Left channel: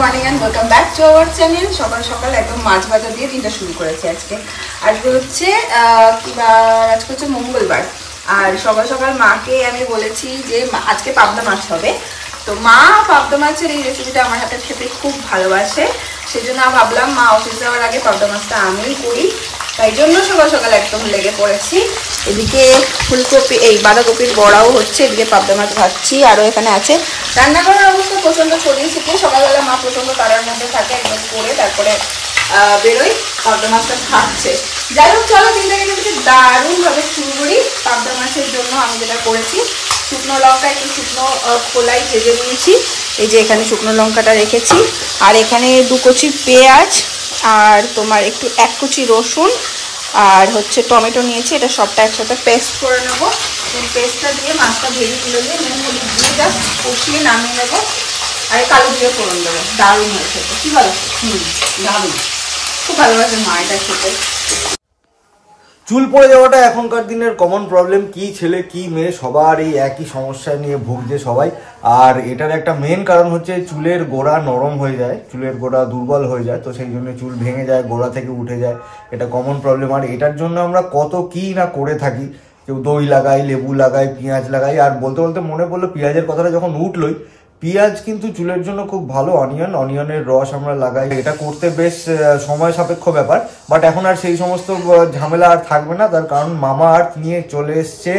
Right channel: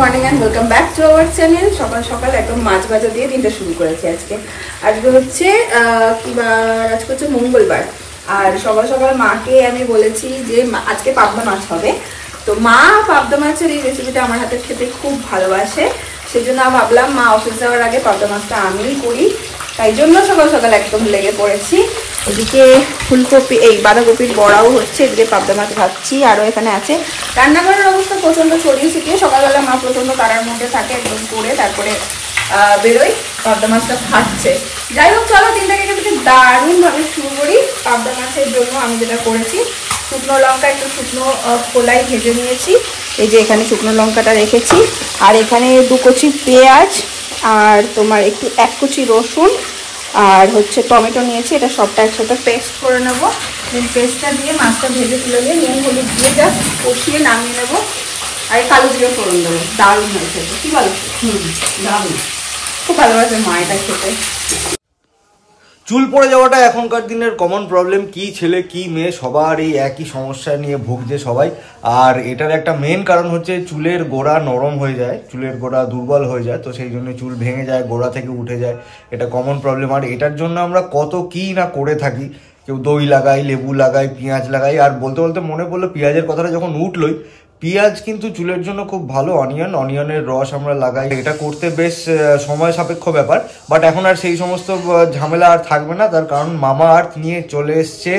Morning and welcome back to our channel. সকাল সকাল একদম মাছ ভাজা দিয়ে দিনটা শুরু করেছি। আজকে হচ্ছে আজকে হচ্ছে মঙ্গলবার। আর সকাল সকাল মাকে আমি বলেছি যে আজকে পাবদা মাছ হবে। তো মা পাবদা মাছের এই রেসিপিটা আমার হাতে খেতে খুব ভালোবাসে, সেজন্য ভাবলাম মা অফিস যাওয়ার আগে পাবদা মাছটা আমি করি, তাই জন্য সকাল সকাল একদম লেগে পড়েছি। এদিকে ফুলকপি বাঁধাকপির বড়াও হচ্ছে, এদিকে পাবদা মাছ ভাজছি। আরও এখানে আছে। রান্নাঘরের অবস্থা প্রচণ্ড ছড়িয়ে ছিটিয়ে, সকালবেলা মা প্রচণ্ড তারার মধ্যে থাকে, একদম করে তারপরে বেরোই, পাবদা মাছটা খাচ্ছে। যাই হোক, চলো দিনটাকে থেকে দারুণভাবে শুরু করি। পাবদা মাছের জন্য আমি যেটা করেছি, শুকনো লঙ্কা একটু শুকনো খোলাই ভেজে নিয়েছি। এই যে এখানে শুকনো লঙ্কাটা রেখেছি, আর এখানে 2 কুচি পেঁয়াজ, আর তোমার একটু 1 কুচি রসুন, আর হচ্ছে টমেটো নিয়েছি। এটা সবটা একসাথে পেস্ট করে নেবো। দেন পেস্টটা দিয়ে মাছটা ভেজে তুলে দিয়ে নুন হলুদ দিয়ে জাস্ট কষিয়ে নামিয়ে নেবো। আর কালো দিয়ে ফোড়ন দেবো। দারুণ হয়েছে, কি বলো? দারুণ, খুব ভালোবাসে মা এটা খেতে। চুল পড়ে যাওয়াটা এখনকার দিনের কমন প্রবলেম। কি ছেলে কি মেয়ে সবার এই একই সমস্যা নিয়ে ভুগছে সবাই। আর এটার একটা মেন কারণ হচ্ছে চুলের গোড়া নরম হয়ে যায়, চুলের গোড়া দুর্বল হয়ে যায়, তো সেই জন্য চুল ভেঙে যায়, গোড়া থেকে উঠে যায়। এটা কমন প্রবলেম। আর এটার জন্য আমরা কত কি না করে থাকি। কেউ দই লাগাই, লেবু লাগাই, পেঁয়াজ লাগাই। আর বলতে বলতে মনে পড়লো পেঁয়াজের কথাটা যখন উঠলোই, পেঁয়াজ কিন্তু চুলের জন্য খুব ভালো। অনিয়নের রস আমরা লাগাই। এটা করতে বেশ সময় সাপেক্ষ ব্যাপার, বাট এখন আর সেই সমস্ত ঝামেলা আর থাকবে না। তার কারণ মামা আর্থ নিয়ে চলে এসছে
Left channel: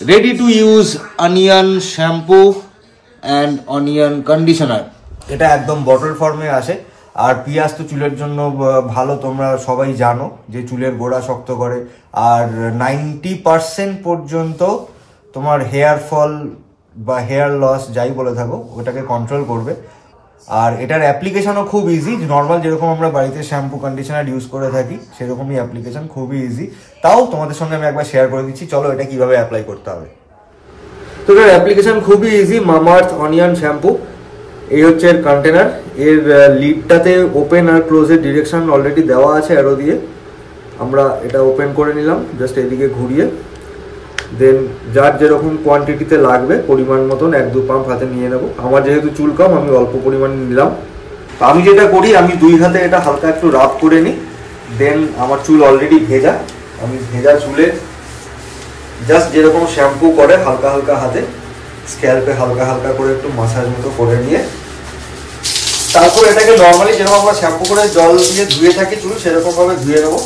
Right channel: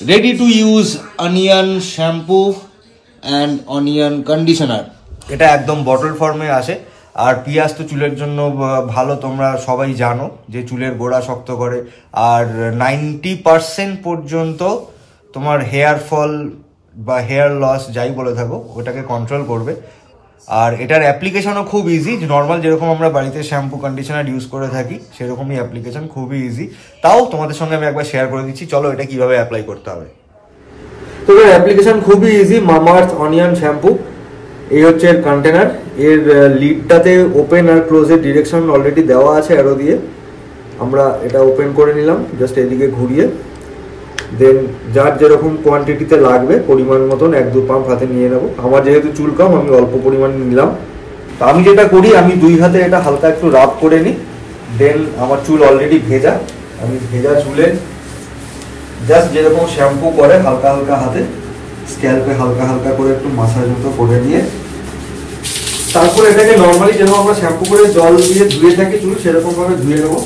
ready to use onion shampoo and onion conditioner. এটা একদম বটল ফর্মে আসে। আর পেঁয়াজ তো চুলের জন্য ভালো, তোমরা সবাই জানো যে চুলের গোড়া শক্ত করে। আর 90% পর্যন্ত তোমার হেয়ার ফল বা হেয়ার লস যাই বলে থাকো ওটাকে কন্ট্রোল করবে। আর এটার অ্যাপ্লিকেশনও খুব ইজি। নর্মাল যেরকম আমরা বাড়িতে শ্যাম্পু কন্ডিশনার ইউজ করে থাকি সেরকমই অ্যাপ্লিকেশন, খুবই ইজি। তাও তোমাদের সঙ্গে আমি একবার শেয়ার করে দিচ্ছি, চলো এটা কিভাবে অ্যাপ্লাই করতে হবে। তো এর অ্যাপ্লিকেশন খুবই ইজি। মামাআর্থ অনিয়ন শ্যাম্পু, এই হচ্ছে এর কন্টেনার। এর লিডটাতে ওপেন আর ক্লোজের ডিরেকশন অলরেডি দেওয়া আছে অ্যারো দিয়ে। আমরা এটা ওপেন করে নিলাম জাস্ট এদিকে ঘুরিয়ে। দেন যার যেরকম কোয়ান্টিটিতে লাগবে পরিমাণ মতন 1-2 পাম্প হাতে নিয়ে নেব। আমার যেহেতু চুল কম আমি অল্প পরিমাণে নিলাম। তো আমি যেটা করি, আমি 2 হাতে এটা হালকা একটু রাব করে নিই। দেন আমার চুল অলরেডি ভেজা, আমি ভেজা চুলে জাস্ট যেরকম শ্যাম্পু করে হালকা হালকা হাতে স্ক্যাল্পে হালকা হালকা করে একটু মাসাজ মতো করে নিয়ে তারপর এটাকে নর্মালি যেরকম আমরা শ্যাম্পু করে জল দিয়ে ধুয়ে থাকি চুল, সেরকম ভাবে ধুয়ে নেবো।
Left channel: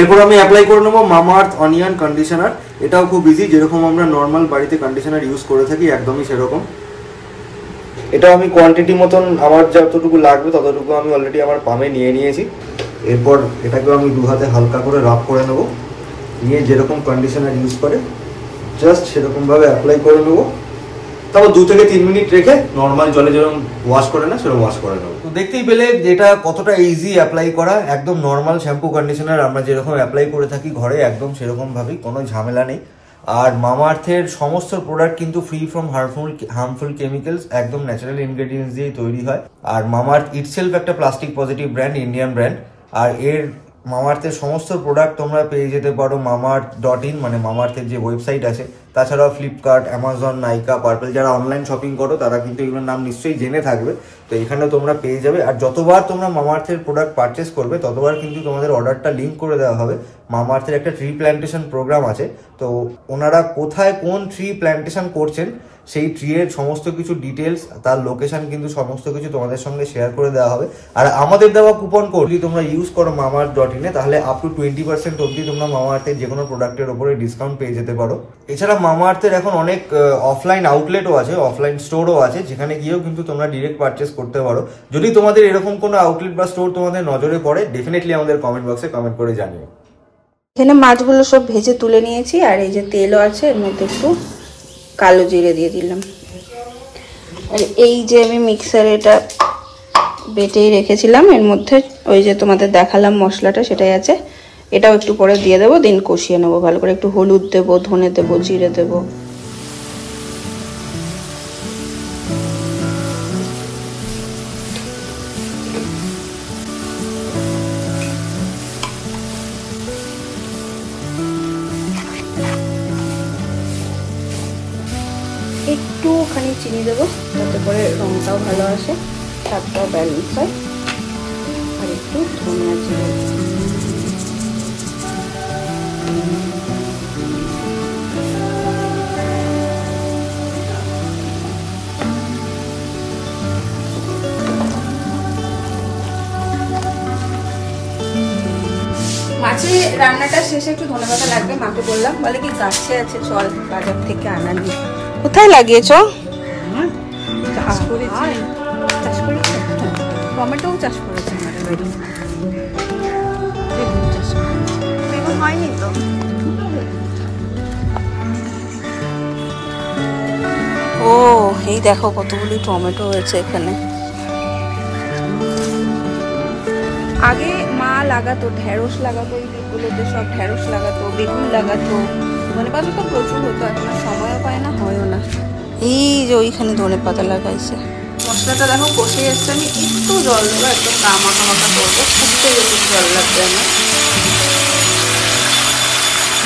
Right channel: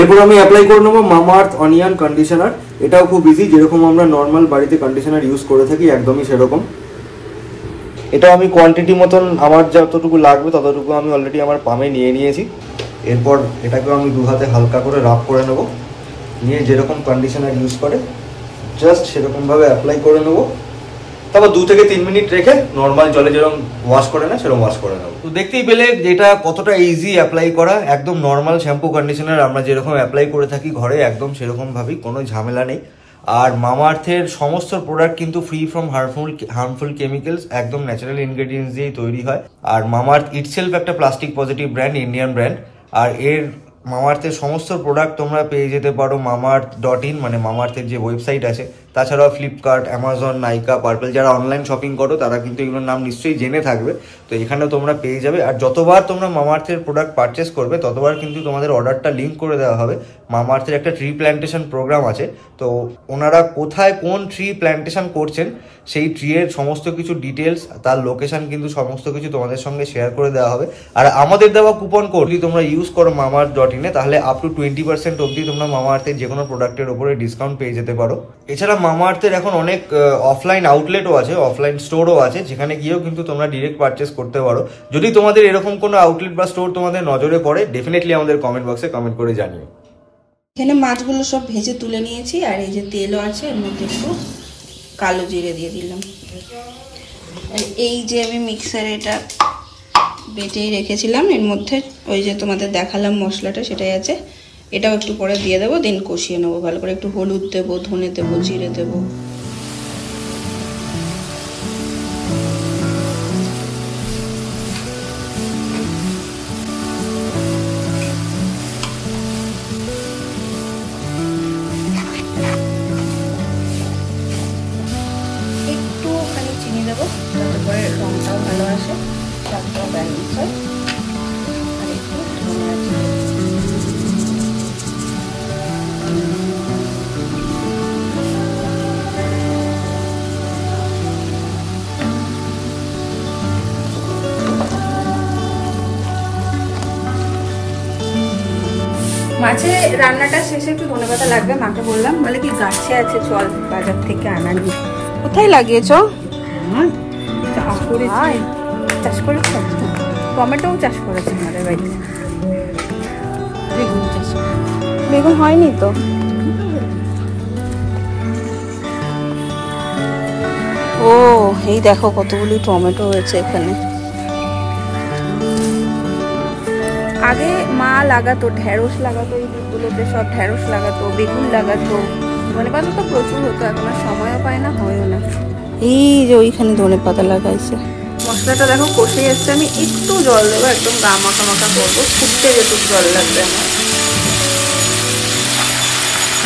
এরপর আমি অ্যাপ্লাই করে নেবো মামাআর্থ অনিয়ন কন্ডিশনার। এটাও খুব ইজি, যেরকম আমরা নর্মাল বাড়িতে কন্ডিশনার ইউজ করে থাকি একদমই সেরকম। এটা আমি কোয়ান্টিটি মতন আমার যতটুকু লাগবে ততটুকু আমি অলরেডি আমার পামে নিয়ে নিয়েছি। এরপর এটাকে আমি 2 হাতে হালকা করে রাব করে নেব। নিয়ে যেরকম কন্ডিশনার ইউজ করে জাস্ট সেরকম ভাবে অ্যাপ্লাই করে নেবো। তারপর 2 থেকে 3 মিনিট রেখে নর্মাল জলে যেরকম ওয়াশ করে না সেরকম ওয়াশ করে নেবো। তো দেখতেই পেলে যেটা কতটা ইজি অ্যাপ্লাই করা। একদম নর্মাল শ্যাম্পু কন্ডিশনার আমরা যেরকম অ্যাপ্লাই করে থাকি ঘরে একদম সেরকম ভাবেই, কোনো ঝামেলা নেই। আর মামাআর্থের সমস্ত প্রোডাক্ট কিন্তু ফ্রি ফ্রম হার্মফুল কেমিক্যালস, একদম ন্যাচারাল ইনগ্রেডিয়েন্টস দিয়েই তৈরি হয়। আর মামাআর্থ ইটসেলফ একটা plastic positive brand, Indian brand. আর এর মামাআর্থের সমস্ত প্রোডাক্ট তোমরা পেয়ে যেতে পারো mamaearth.in, মানে মামাআর্থের যে ওয়েবসাইট আছে। তাছাড়াও ফ্লিপকার্ট, অ্যামাজন, নাইকা, পার্পল, যারা অনলাইন শপিং করো তারা কিন্তু এগুলোর নাম নিশ্চয়ই জেনে থাকবে। তো এখানেও তোমরা পেয়ে যাবে। আর যতবার তোমরা মামাআর্থের প্রোডাক্ট পারচেস করবে ততবার কিন্তু তোমাদের অর্ডারটা লিঙ্ক করে দেওয়া হবে। মামাআর্থের একটা ট্রি প্ল্যান্টেশন প্রোগ্রাম আছে, তো ওনারা কোথায় কোন ট্রি প্ল্যান্টেশন করছেন সেই ট্রি এর সমস্ত কিছু ডিটেলস, তার লোকেশন কিন্তু সমস্ত কিছু তোমাদের সঙ্গে শেয়ার করে দেওয়া হবে। আর আমাদের দেওয়া কুপন কোড যদি তোমরা ইউজ করো mamaearth.in, তাহলে আপ টু 20% অবধি তোমরা মামাআর্থের যে কোনো প্রোডাক্টের উপরে ডিসকাউন্ট পেয়ে যেতে পারো। এছাড়া মামাআর্থের এখন অনেক অফলাইন আউটলেটও আছে, অফলাইন স্টোরও আছে, যেখানে গিয়েও কিন্তু তোমরা ডিরেক্ট পারচেস করতে পারো। যদি তোমাদের এরকম কোনো আউটলেট বা স্টোর তোমাদের নজরে পড়ে, ডেফিনেটলি আমাদের কমেন্ট বক্সে কমেন্ট করে জানিও। এখানে মাছগুলো সব ভেজে তুলে নিয়েছি, আর এই যে তেলও আছে, এর মধ্যে একটু কালো জিরে দিয়ে দিলাম। আর এই যে আমি মিক্সারে এটা বেটেই রেখেছিলাম, এর মধ্যে ওই যে তোমাদের দেখালাম মশলাটা সেটাই আছে। এটাও একটু পরে দিয়ে দেবো, দিন কষিয়ে নেবো ভালো করে। একটু হলুদ দেবো, ধনে দেবো, জিরে দেবো। একটুখানি চিনি ভালো আসে, স্বাদটা ব্যালেন্স হয়। আর একটু ধনিয়া জিরে, মাছে রান্নাটা শেষে একটু ধনেপাতা লাগবে। মাকে বললাম, বলে কি গাছে আছে, চল বাজার থেকে আনা নি। কোথায় লাগিয়েছ? চাষ করেছে, টমেটোও চাষ করেছে আমাদের বাড়িতে। বেগুন চাষ, বেগুন হয়নি তো। ও এই দেখো কতগুলি টমেটো হয়েছে এখানে। আগে মা লাগাতো, ঢেঁড়স লাগাতো, এই দিকগুলোতে সব ঢেঁড়স লাগাতো, বেগুন লাগাতো, ধনেপাতা তো প্রচুর হতো। এখন আর সময়ও পায় না, হয়ও না। এই যে ওইখানে ধনেপাতা লাগাইছে। মশলাটা দেখো কষে যাচ্ছে, আমি একটু জল দেবো, একদম গা মাখা মাখা করবো, ফুটতে যেটুকু জল লাগবে আমার।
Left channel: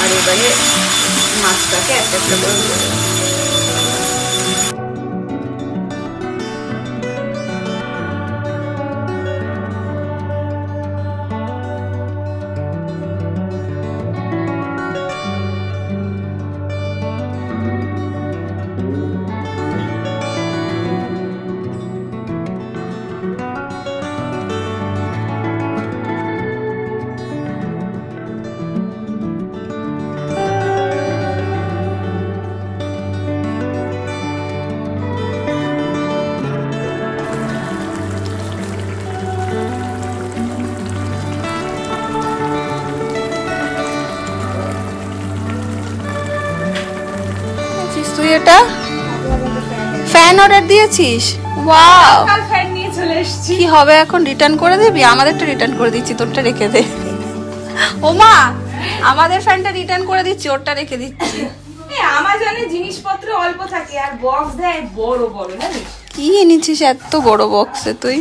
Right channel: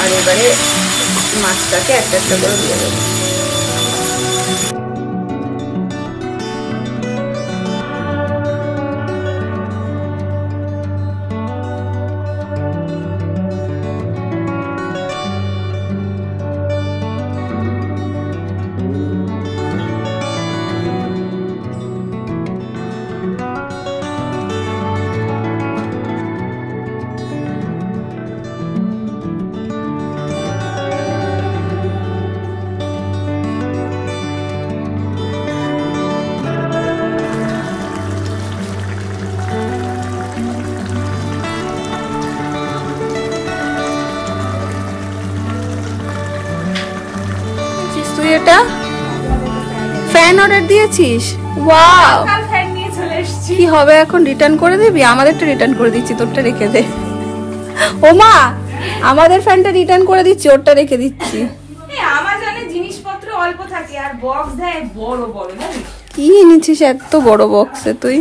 আর এবারে মাছটাকে একটা একটা করে দিয়ে দেবো। এটা ফ্যান অর্ডার দিয়েছিস? ওয়াও, ফ্যান নিয়ে চলে এসেছি। কি হবে এখন, রিটার্ন করে দিবি? আমাদেরটা রিটার্ন করে দিচ্ছি, তোরটা রেখে দে। ও মা, আমাদের ফ্যানটা রিটার্ন করে দিচ্ছি, ওরটা রেখে দিচ্ছি। আমাজনে জিনিসপত্র অল্প থাকে আর বক্স দেয় বড় বড়, জানিস? কি এনেছিস এত বড় বক্সে তুই?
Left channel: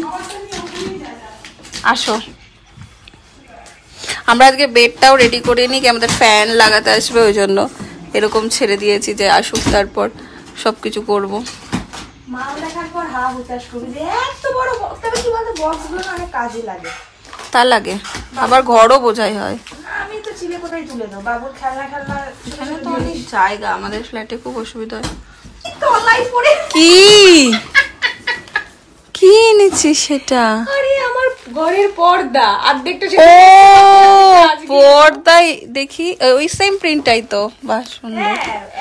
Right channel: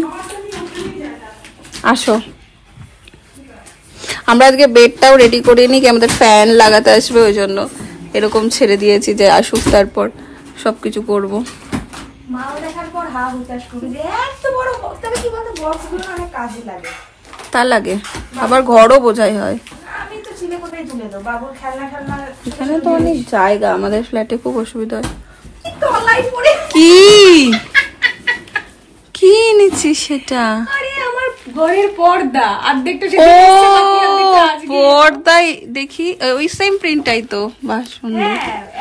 আসো, আমরা আজকে বেডটাও রেডি করে নিই, কি আমাদের ফ্যান লাগাতে আসবে, ওই জন্য এরকম ছেড়ে দিয়েছি যে আসুক, তারপর সবকিছু করবো। মা দেখার পর হা হুতাশ করে যে এত বড় বক্স, তবে কি বলতো বক্সগুলো অনেক কাজে লাগে। তা লাগে, আবার ঘরও বোঝাই হয়। আমি তো চিলে কোথায় তুলে দেবো, বাবুর খেলনা খেলনা। এখানে তো অনেক জায়গা, আমাদের ফ্ল্যাটে খুব অসুবিধা হয়। তলাই পড়ে কি কি এনেছিস সেটা? আরে আমার ঘরের পর্দা অর্ধেকটা। ও পর্দাই দেখি, ওই সেম প্রিন্টটাই তো, বাহ সুন্দর।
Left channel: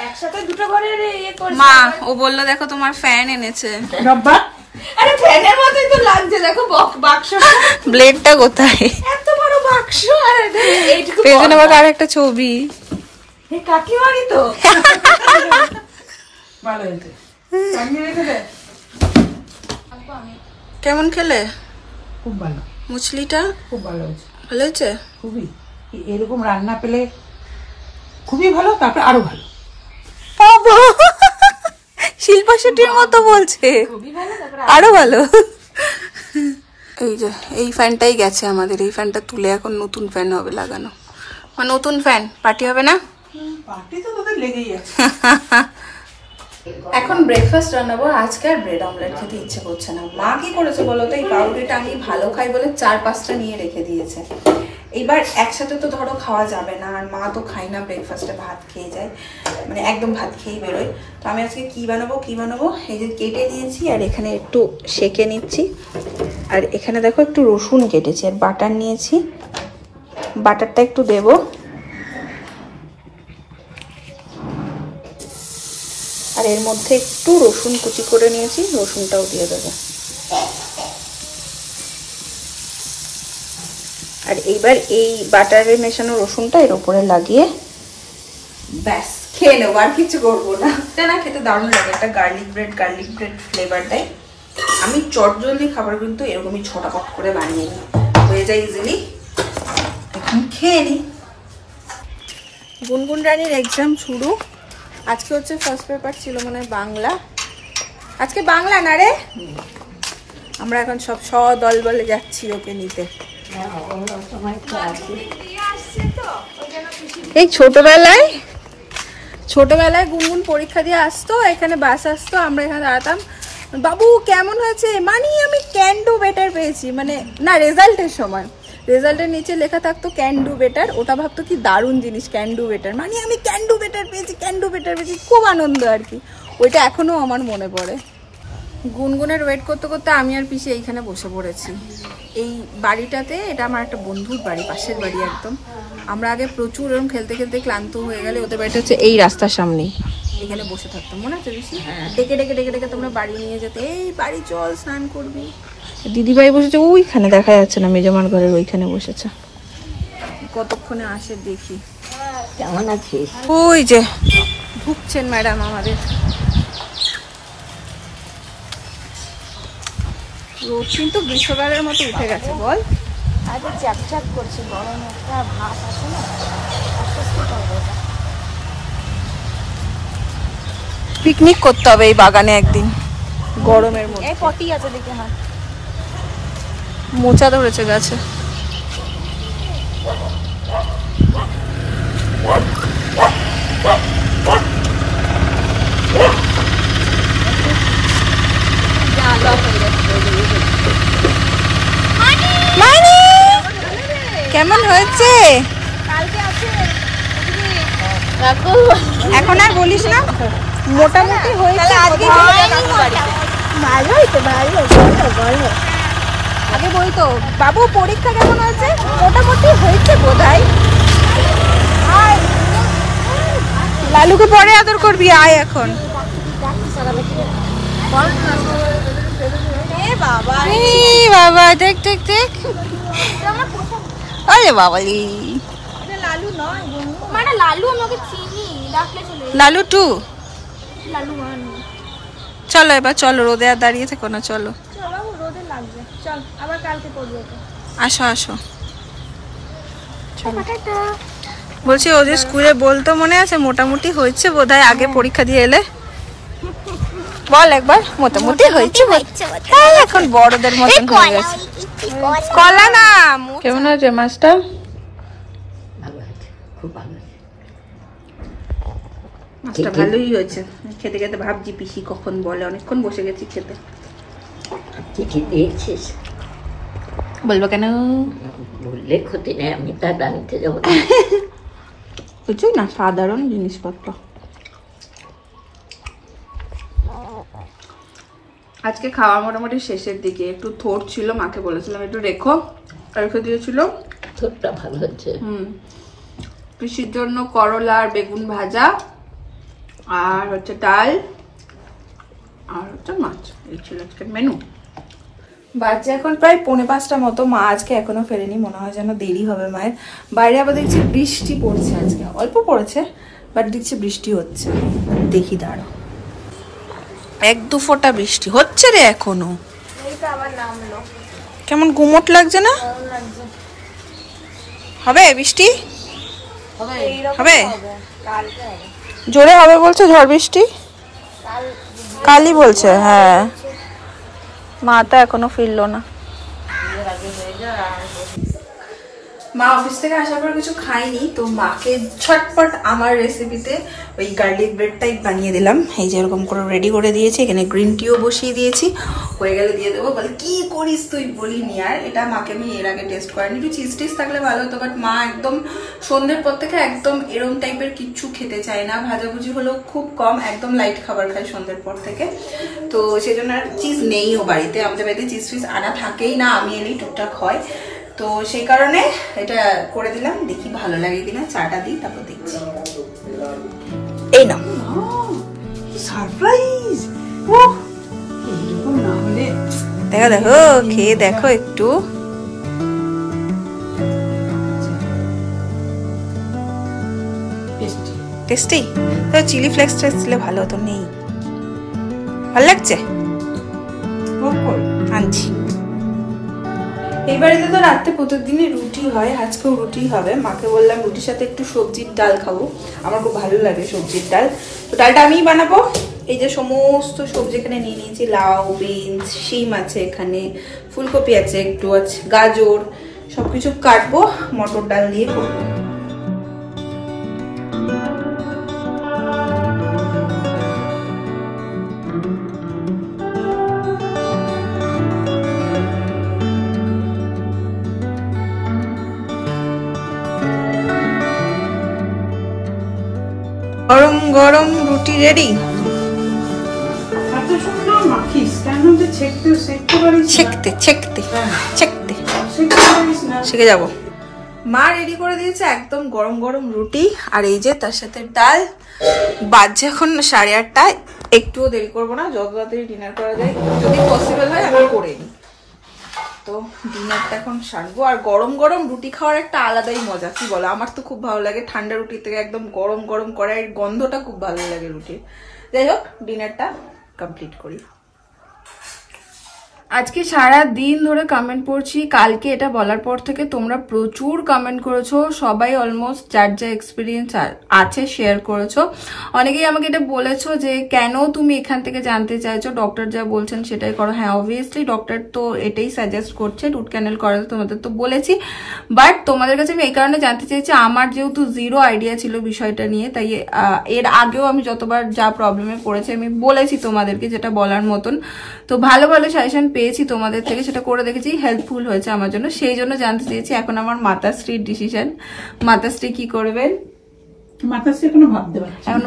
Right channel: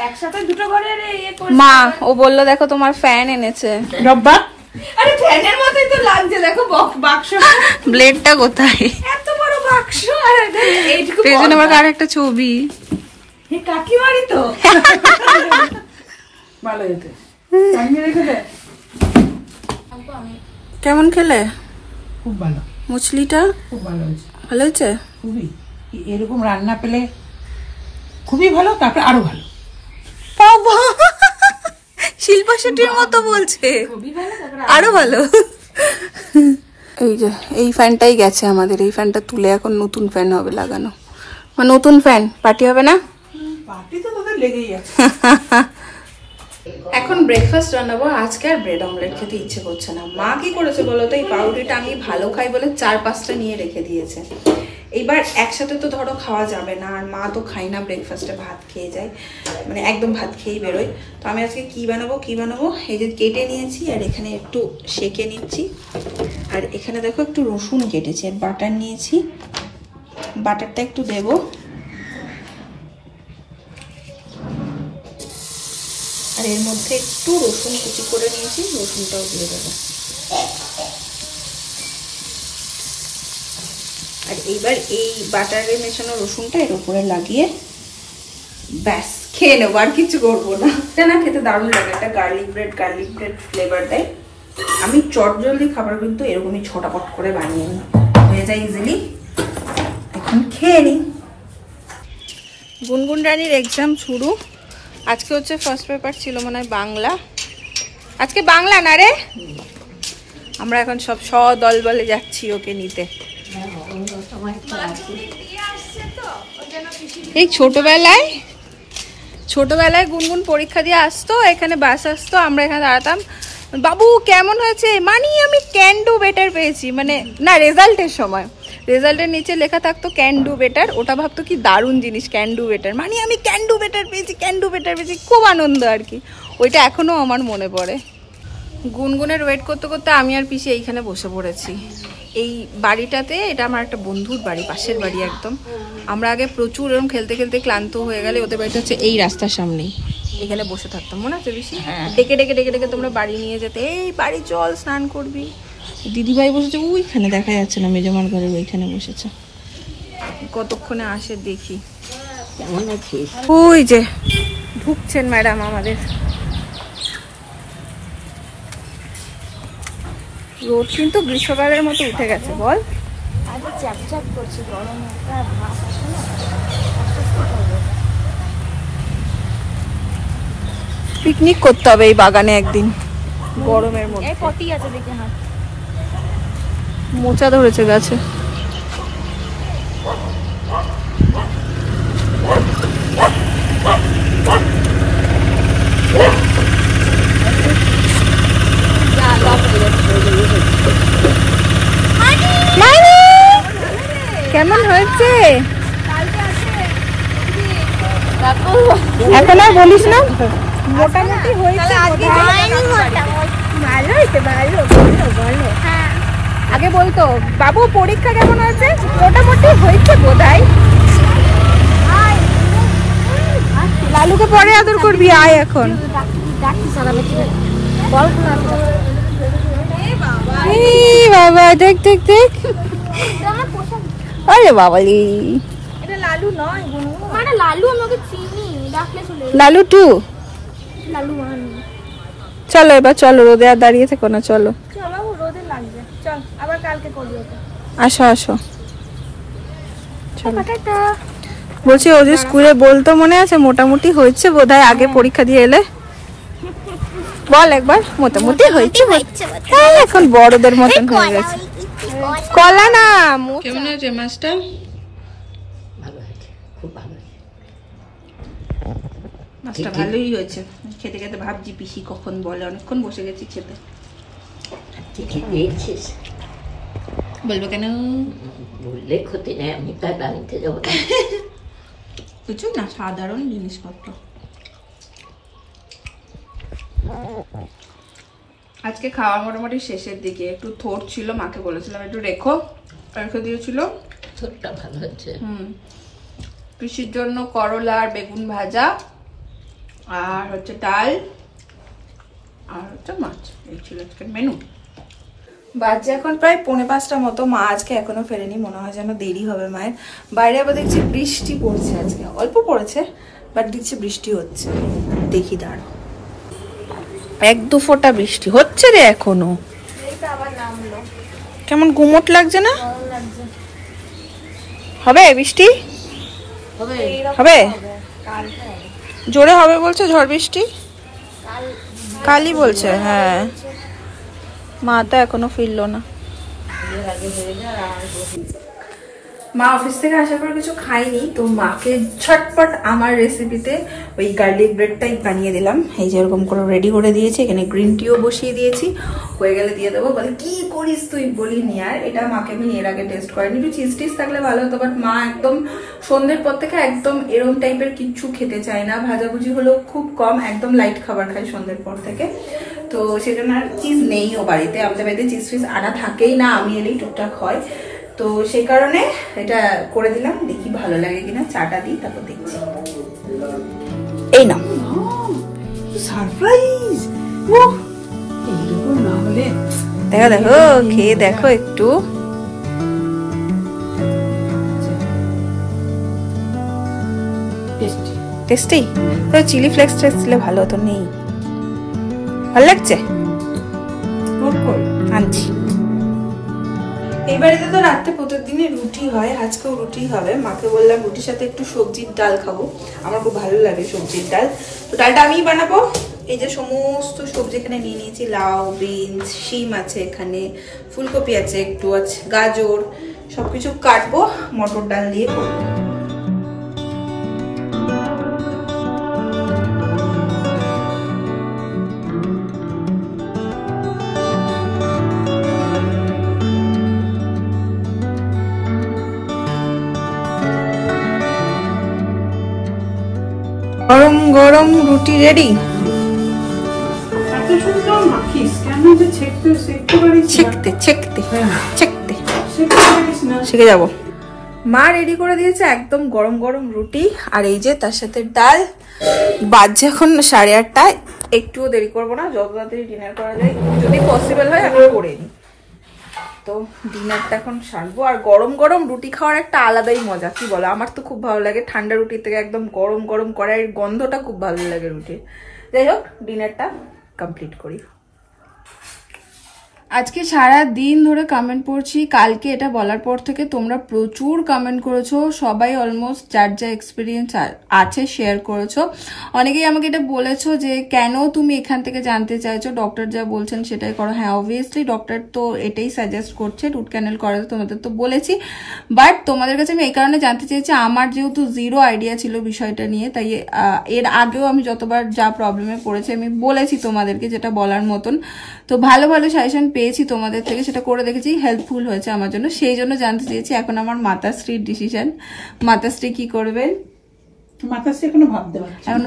একসাথে দুটো ঘরের ইয়ে করে। মা ও বললো দেখো তোমার ফ্যান এনেছে। রব্বা, আরে ফ্যানের মতোই তো লাগছে, দেখো বাক্স। ব্লেডটা কোথায়? এত বড় বাক্স, আর এইটুকু পেছনে আবার আর একটা ছবি। এই কাকিমারি তো ভালো হয়েছে। কেমন খেলে? খুব ভালো। মুচলিটা খুব ভালো হয়েছে। ভালো হয়েছে? খুবই, এরকম রান্না পেলে খুবই ভালো, তারপরে আরো ভালো। বাবা শিল্পা শেট্টির মতো বলছে, আরো ভালো। এই যে এই ফ্যানটাই গেছে আমাদের, এই ফ্যানটা তুলে এখন নতুন ফ্যান হবে লাগানো, মানে নতুন ফ্যান পার্টি হবে না? পার্টি তো তোদের লেগেই আছে। এখন ব্রেকফাস্ট বানাবো। আজকে আর ব্রেড অমলেট খেতে ইচ্ছে করছে না। মা কি করেছে বলতো, এই পাউরুটিটা আমি ভালো খাই বলে 4-5টা নিয়ে রেখে দিয়েছে। এইবার একসাথে তো ধরো খাওয়া যাবে না, আর মা তো খাই না ব্রেকফাস্টে, ভাত খেয়ে যায়, মানে একদম ভাত খেয়েই বেরোয়। তো আমি আজকে কি বানাবো, এই যে কেটে নিয়েছি, আর এখানে একটু সেকে নিচ্ছি, আর এখানে দেখো একটু রসুন কেটেছি, আর বাটার নিয়েছি, বাটারটা একটু দেবো, আর এর মধ্যে একটু রসুন কুচি করে নিয়েছি, রসুনটাও দিয়ে দেবো। আর এইবার এই বাটারে মেশানো রসুনটা এর উপরে লাগিয়ে ব্যাস খেয়ে নেবো, আর কিছু করবো না। না খেতে দারুণ লাগে, একটা গার্লিক ব্রেড ফ্লেভার দেয়। আমি চটজলদি খাবার কিন্তু এরকমই ছটাপট করে বানিয়ে নিই, হয়ে যায় ইজিলি। এখন খেয়ে নিই। গুনগুন রানীর এক্সাম শুরু, আজকে হচ্ছে ফার্স্ট পেপার ছিল মনে হয় বাংলা। আজকে বাংলা না রে, আমরা এখন সব দল বলে যাচ্ছি ওকে নিতে। এই ছোটবেলায় গুনগুন পরীক্ষা দিয়ে আসতো, এখানে বাস আসতো, আমরা এখানে দাঁড়াতাম, বাবু কেমন হয়েছে? মানে আমি ক্যান ডু বেটার পেয়েছি, মানে না রেজাল্টের সময় রেজাল্টের নিচে লেখা থাকতো ক্যান ডু বেটার, ওটা ভাবতো কি দারুণ জিনিস ক্যান ডু বেটার, মানে আমি ক্যান ডু বেটার পেয়েছি, ক্যান ডু বেটার পেয়েছি, খুব আনন্দ আর কি। ওইটা এখনো আমার মনে পড়ে। গুনগুনের ওয়েট করতে করতে আমি আর পিসি এইখানে বসে পড়েছি এই বাড়িটাতে। এটা আমার একটা বন্ধুর বাড়ি, পাশের বাড়ি একদম। আমরা আগে প্রচুর এরকম খেলতে খেলতে ক্লান্ত হয়ে গেলে ওদের বাড়িটা হচ্ছে এই রাস্তার সামনেই, এখানে বসে থাকতাম, মনে আছে বেশি? ডেকে ডেকে ডেকে ডেকে তোমরা বাড়ি নিয়ে যেতে, এই বাড়ি চল স্নান করবি। দিদিভাই বসেছে ওইখানে, দেখা যাচ্ছে না, মেজমার ঘরের ওইখানে বসেছে। কতক্ষণে আসে দেখি। কেমন আছিস? ওই যে ঢুকছেন ম্যাডাম আমাদের। রোদ কিন্তু গ্রীষ্মকালের মতো উঠে গেছে, বল। পিকনিক করতে হবে এই বাগানে একদিন গরমের মধ্যে। মোচা ধরেছে গাছে। কেমন হয়েছে এখন আর বলিস না? মোটামুটি হয়েছে, ভালো হয়েছে, ভালো ভালো ভালো। আগে বলতো বাবু পরীক্ষা কেমন হয়েছে? মোটামুটি হয়েছে বোধহয়। আয় লালুকে পরে আদর করবি, আয় এখন। বাবা দেখ দেখ দেখ, আরে বাবালি লালু টু। চলো এবার চলো, রোদে আর দাঁড়িয়ে থেকো না, চলো আসো আসো। বলছি ও যে স্কুলে বলতো মনে আছে মোটামুটি হয়েছে বোধহয়, আগে পরীক্ষা দিয়ে এলে বল একবার মোটামুটি হয়েছে। হ্যাঁ এখন বড়দের মতন হয়ে গেছে। কলা না। কেমন আছে মাছটা? ভালো আছে, খুব ভালো। মাছটা ভালোই হয়েছে। খেতে খেতে ভাবছি পিসি কখন বলে, অনেকক্ষণ বসে গেছি খেতে। চিঠি দিয়েছিস? বলবো কেন? বললে ক্ষতি নেই, আমি তার আনতে যাবো। কিছুই না, সাধারণ জিনিসপত্র। আজকে খাওয়া মোটামুটি শেষের দিকে, একটু থোড় ছিল, মাকে বলেছিলাম একটু রেখে দিয়েছিল। থোড়টা ভালো হচ্ছে। পিসির জন্য করলা আর বেগুন ভাজা, আর হচ্ছে ডাল, আর হচ্ছে মাছ। এই ছিল আজকের মেনু। বাজে এখন প্রায় 4:45 মতো। মা আজকে এখনো ফেরেনি, মনে হয় যেন দেরি হবে মায়ের। বাইরে আবার দেখছি বৃষ্টি পড়ছে, আজকে অল্প পড়েছে বাট দেখছি বৃষ্টি হচ্ছে। দেখি দাঁড়ো, 1-2 ফোঁটা বৃষ্টি হচ্ছে রে এখনো। কেমন গুমট লাগছে না? হবে বৃষ্টি? হবে, জোরে হবে বলছে, ঝড় বৃষ্টি কালই বলছে। হ্যাঁ মা তো এখনো ফিরলো না। মা অফিস থেকে আসার পর কিছু খাইনি, তো মাকে ঝটপট আমার রেসিপিতে ওই গার্লিক ব্রেড টাইপ বানিয়ে দিলাম। এই যে এরকম করে রেডি করে দিয়েছি, এখানে গ্রিন টিও বসিয়ে দিয়েছি, হয়ে গেলে দিয়ে দেবো। বলে কি করিস তুই, বলিনি আর। এটা মাকে আমি এর আগে টেস্ট করিনি, একটু চিজ টিজ থাকলে ভালো হতো, বাট মা একদম সন্ধ্যের পর থেকে একদম এরম টাইপের কিচ্ছু খেতে চায় না, ভাজাভুজি হলেও খুব কম, একদম লাইট খাবার খায় সন্ধ্যের পর থেকে। তো সেজন্য আর চিজ নেই ও বাড়িতে, আমাদের বাড়িতে চিজ ফিজ আনা থাকেই না, আমি এলেই টুকটাক হয়। তো সেই কারণে এটা করে দিলাম, দেখি ভালো লাগে কিনা। চাটা দিই তারপর দেখছি। এই না সারপ্রাইজ, দেখো দেখো খেয়ে দেখো একটু। টেস্টি। তো চিলি ফ্লেক্স দিলে ভালো হতো, নেই। ভালো লাগছে, আনছি। এই বাড়িতে তো রাত্রে প্রতিদিনই রুটি হয়, আজকেও রুটি হবে। মাকে বললাম রুটির সাথে একটু সবজির ডাল খাবো, আমার খুব ভালো লাগে সবজির ডাল। তো ডালটা আমিই বানাবো। এই যে সমস্ত সবজি এখানে নিয়ে নিয়েছি, লাউ, বিনস, শিম আছে, এখানে ফুলকপি আছে, একটু আছে গাজর, সবকিছু কাটবো, মটর ডাল দিয়ে করবো। গরম রুটি রেডি। ছেঁকতে ছেঁকতে ছেঁকতে শিখে যাবো। মা রেডি করে দিয়েছে একদম গরম গরম রুটি, আর এই যে তার সাথে ডাল। বাজছে এখন 8:30। একটুও দেরি করবো না, যত তাড়াতাড়ি ডিনার করা যায় যদি পসিবল হয় আমি করে নিই। তো ডিনারটা এখন সারবো। আর গরম গরম রুটি খাওয়ার একটা আলাদাই মজা, কি বলো? আমার তো খুব ভালো লাগে ঠান্ডা রুটির থেকে একদম গরম গরম কড়াইয়ের গন্ধটা খুব ভালো লাগে রুটির। যাই হোক, ডিনারটা কমপ্লিট করি। আজকে সারা দিন ধরে কমেন্ট পড়ছি। কালকে এটা বলার পর থেকে তোমরা প্রচুর কমেন্ট করেছো, সবাই অলমোস্ট যার যা এক্সপিরিয়েন্স আছে শেয়ার করেছো। অনেকেই আমাকে এটা বলেছো যে কেন তুমি এখান থেকে জানতে চাইছো, ডক্টর যা বলছেন সেটাই করো। হ্যাঁ, অবভিয়াসলি ডক্টর তো এটাই সাজেস্ট করছে, রুট ক্যানেল করাতে, তোমাদের তো বলেছি। বাট তোমাদের কাছে আমি এই কারণে জানতে চেয়েছি, আমার যেহেতু জিরো আইডিয়া ছিল বিষয়টা নিয়ে, তাই এর আগেও আমি যতবার যা প্রবলেমে পড়েছি আমি বলেছি তোমাদেরকে, যেটা বলার মতন। তো ভালো ভালো সাজেশন পেয়েছি তোমাদের থেকে, সেটা করে দেখেছি, হেল্পফুল হয়েছে আমার জন্য, সেই জন্য জানতে চেয়েছি। এখন আমার মাতাশ্রীর ডিসিশন, মাতাশ্রী কি করবেন। মাতাশ্রী এখনো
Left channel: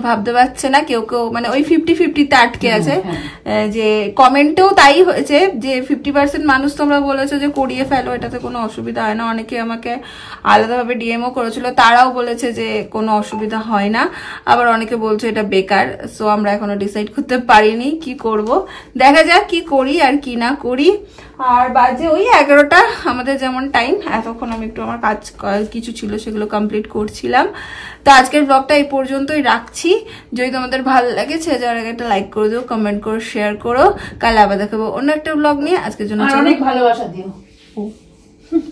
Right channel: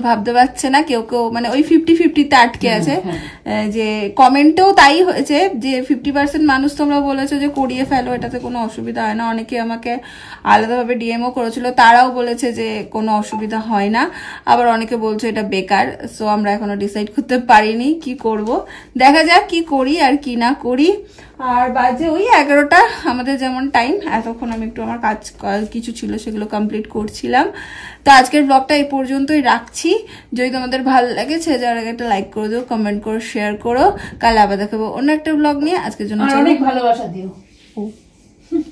ভাবতে পারছে না, কেউ কেউ মানে ওই 50-50 আটকে আছে। যে কমেন্টেও তাই হয়েছে যে 50% মানুষ তোমরা বলেছো যে করিয়ে ফেলো, এটাতে কোনো অসুবিধা হয় না। অনেকে আমাকে আলাদাভাবে ডিএমও করেছিল, তারাও বলেছে যে কোনো অসুবিধা হয় না। আবার অনেকে বলছে এটা বেকার। সো আমরা এখনো ডিসাইড করতে পারিনি কি করব, দেখা যাক কি করি আর কি না করি। আর বাজে ওই 11টা আমাদের যেমন টাইম। এতক্ষণ আমি একটু আমার কাজ কিছু ছিল সেগুলো কমপ্লিট করছিলাম। তো আজকের ব্লগটা এই পর্যন্তই রাখছি। যদি তোমাদের ভালো লাগে ছেড়ে যাওয়ার আগে একটা লাইক করে দিও, কমেন্ট করো, শেয়ার করো। কাল আবার দেখাবো অন্য একটা ব্লগ নিয়ে। আজকের জন্য অনেক ভালোবাসা দিও।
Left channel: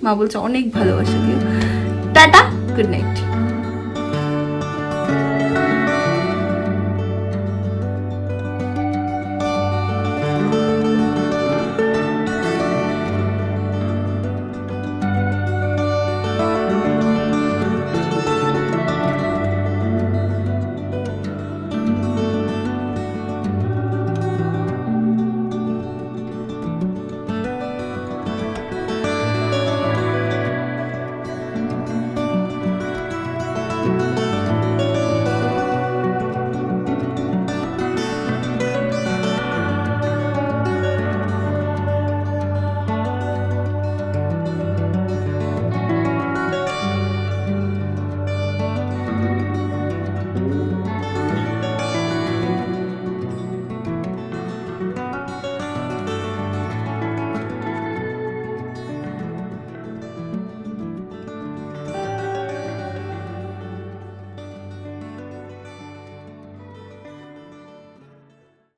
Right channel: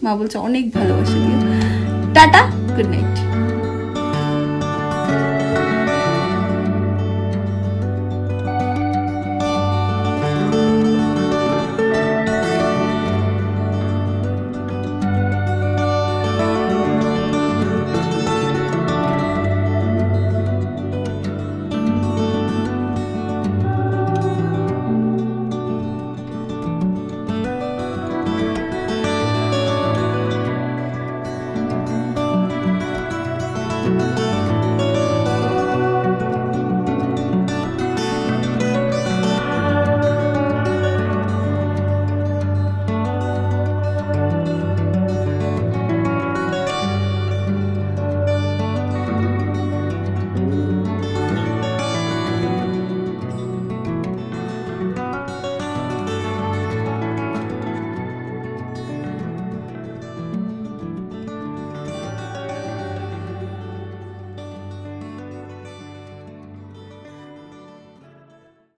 মা বলছে অনেক ভালোবাসা দিও। Tata, good night.